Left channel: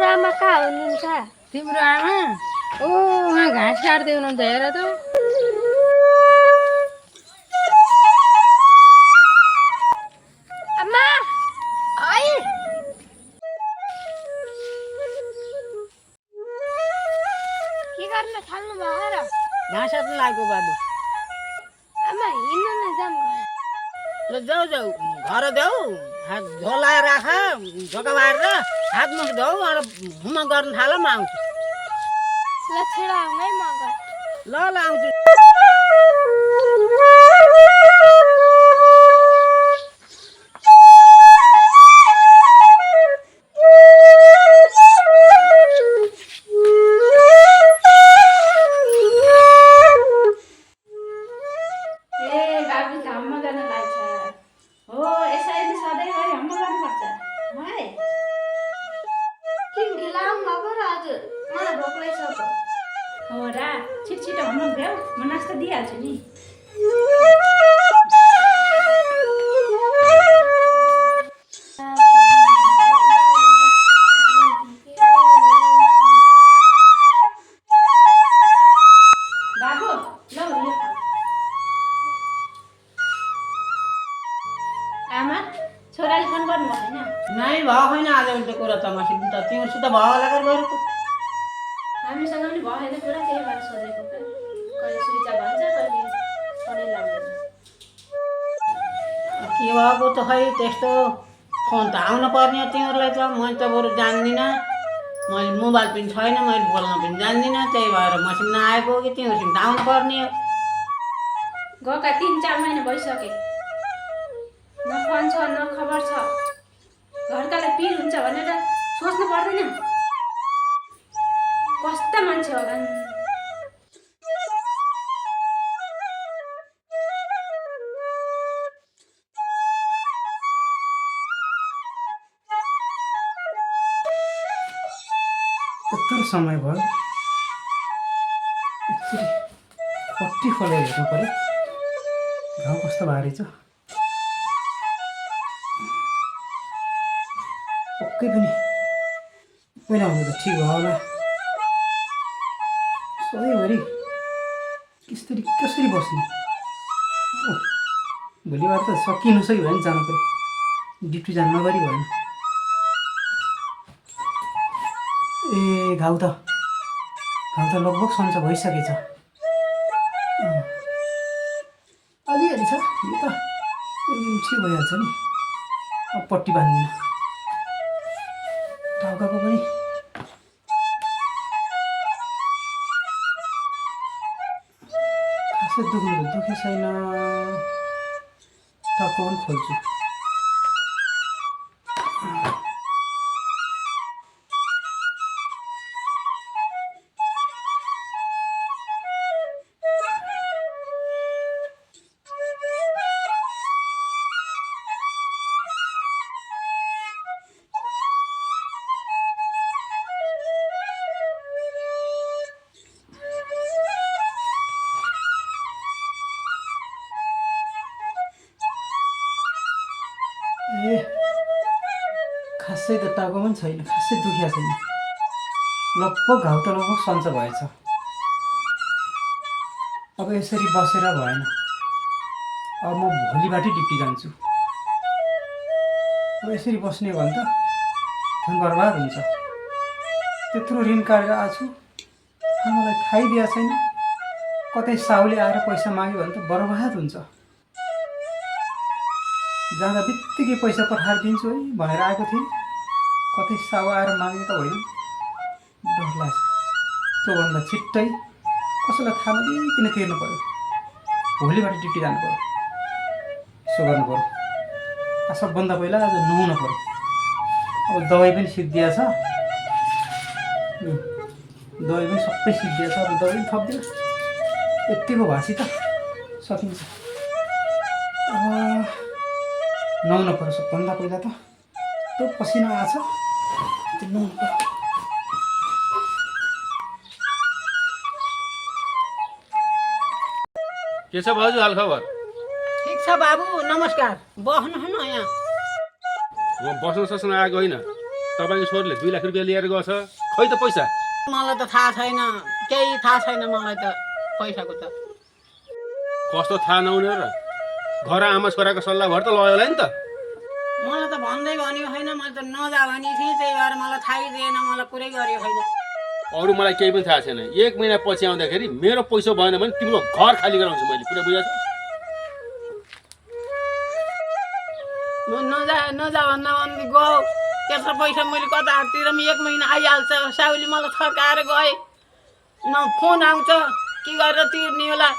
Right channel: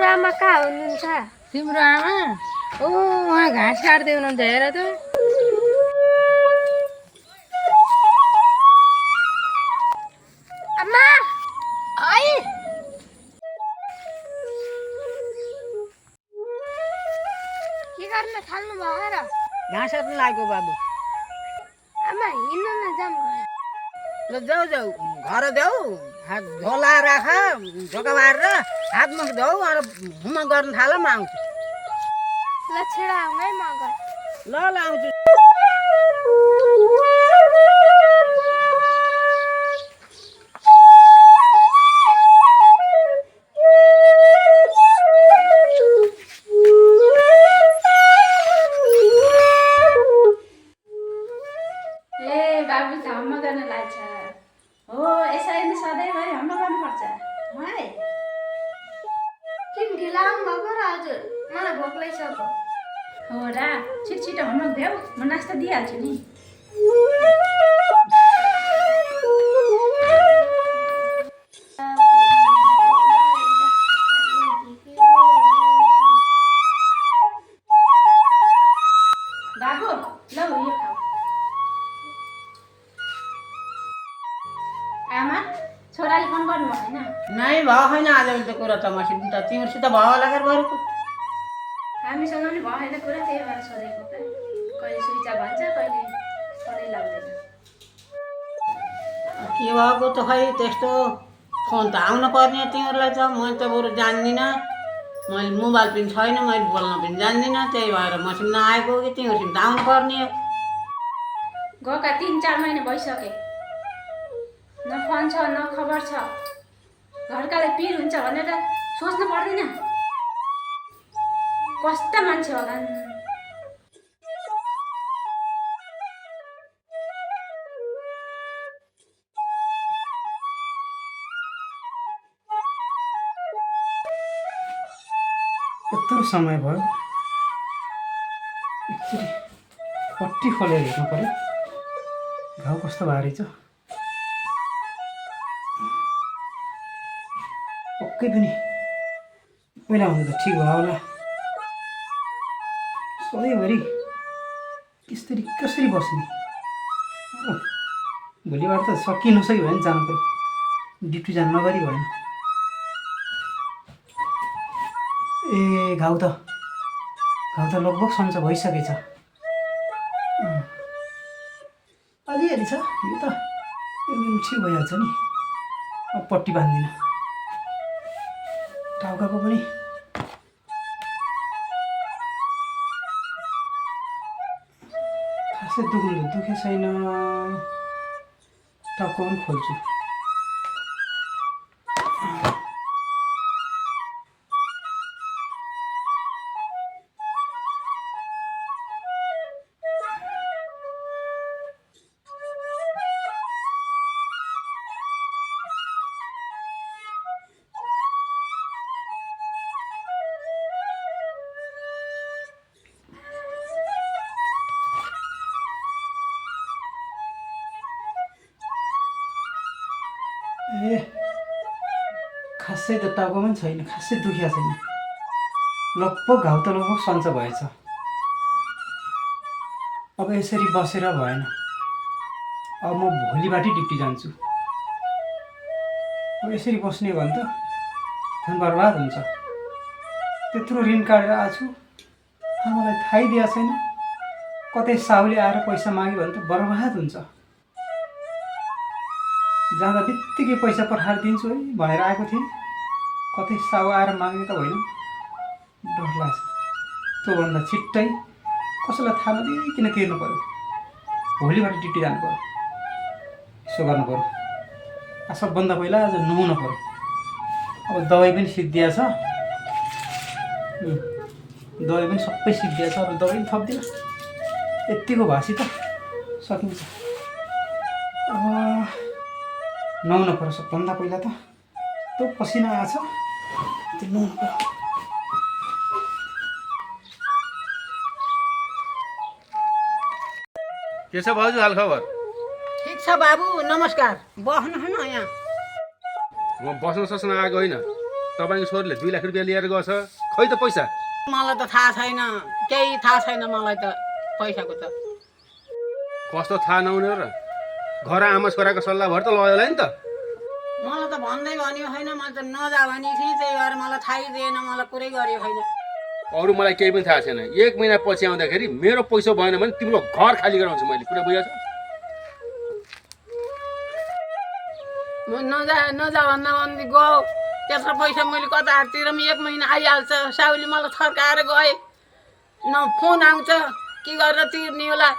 तिम्रो आमा कहाँ हुनुहुन्छ? तिम्रो आमा उहाँ घाँस काट्दै हुनुहुन्थ्यो हेर त। आमा है के गर्न थाल्नु भयो र? घाँस काट्नु लागेको बाबु। आमा हिँड्न न जाम घर। ल जाऊ जाऊ घर जाऊ, हात झोला राख, झोका बारेर हात मुख धौ अनि हुम गर्न थाल, म आउँछु। ल छिडो आउनु है म घर। ल ल आउँछु। किन ढिला आउनुभएको र हजुर? मलाई भोक लागिसक्यो। हो र, छिटो हम्म भ्याऊ, म नास्ता दिइहाल्छु नि। बाबु ल यो खाऊ। आमा छोराले फोन गर्नुभयो होइन? नै भयो छैन आजभोलि त कुरा त मसित त तिमीहरूसित भयो होला कर बरुको। हामीसँग पनि भयो होइन कुरा, त्यही भएर सोधेको क्या। कहिले सुइचा भन्छ, कहिले फोनै लाग्दैन। के भएको त खै त्यस्तो, फोन त आउनु पर्ने तिमीहरूलाई त। मैले त बरु जान्दिनँ, मैले मोबाइल पनि छैन, मैले बोल्न पनि जान्दिनँ, त्यही भएर मसित नआएको कि तिमीहरूसित आउनु पर्ने हो। गएका 3-4 महिना भइसके, न फोन छ न खबर छ। घरकालाई पिर हुन्छ भनेर सोच्नु पर्दैन? कस्ता मान्छे होला नि। यत्रो समय भयो, एकचोटि पट्टी खोलेर हेर्नु पऱ्यो घाउ कस्तो भएको रहेछ। पक्कै पनि पहिला भन्दा त ठिक भयो होला। सधैँभरि कसरी बस्ने? भोलिबाट त सकि नसक्यो भने जानु पऱ्यो, ड्युटी जानु नगरी भएन। ए घाउ त लगभग सन्चो भइसकेछ। अलिअलि छ, यो त छिटो भइहाल्छ नि। अब पट्टी बाँध्दिनँ। टाउकाको पनि खासै दुखे छैन। टाउको पनि खोल्छु। ए खासै त टाउको पनि छैन, खासै दुखिया छैन। लगभग घाउ त लगभग सन्चो भएछ। अब यसरी बसेर भएन। अब म भोलिबाटै ड्युटी जान्छु। अब यसरी बस्ने भने त धन बर्बाद हुन्छ। त्यत्रो ऋण काटेर आएको छु, आमालाई थाहै दिएको छैन। कतै साउले आएर पैसा माग्यो भने त बर्बाद हुन्छ। जाँदा बित्तिकै पैसा पठाएर दिन्छु है भनेर आएको थिएँ, कतै साउ आएर माग्ने त होइन। डर लाग्छ। त्योभन्दा छिट्टै कसैलाई थाहा नदिइकन तिर्नु पऱ्यो। भोलिबाट ड्युटी जानु पऱ्यो। यसो गर्नु पऱ्यो। सबभन्दा पहिला आज नुहाउनु पऱ्यो। अब दबाई पनि सिद्धिया छ, दबाई पनि सबै सिद्धिया छ। अब दबाई पनि थप्दिनँ, यत्तिको भाषी त सकिन्छ। अब नुहाउनु पऱ्यो सबभन्दा पहिला त। त्यो पसिना आछ, त्यो नुहाउनु पऱ्यो। के छ भाउजू हाल खबर? ठिक छ बाबु, नमस्कार। बस्नु न यहाँ। म बस्न सस्न आएको होइन, तपाईँको छोरीले 2 लाख रुपियाँ लिएर गएछ खै त पैसा मलाई त थाहा छैन केही थाहा छैन मलाई त पैसाको त कस्तो थाहा नहुने र घर आमा छोराको सल्लाह भएर त लयो होला नि त मलाई त भन्दै भन्यो होइन मैले त नजा भने थिएँ त्यही भएर मलाई थाहै दिएन मलाई पुरै गर्यो होइन अरू मलाई केही पनि थाहा छैन 1 महिना पछि आउँदाखेरि मेरो पैसा भएन भने तिम्रो घर खाली गराउँछु मैले पुरा बुझाएको म नजा भन्दा भन्दै गयो त्यत्रो पैसा मैले कतातिर पनि 1 महिना आइहाल्छ साउली मलाई थर्काएर गए न फोन आउँछ के गरेर तिर्ने होला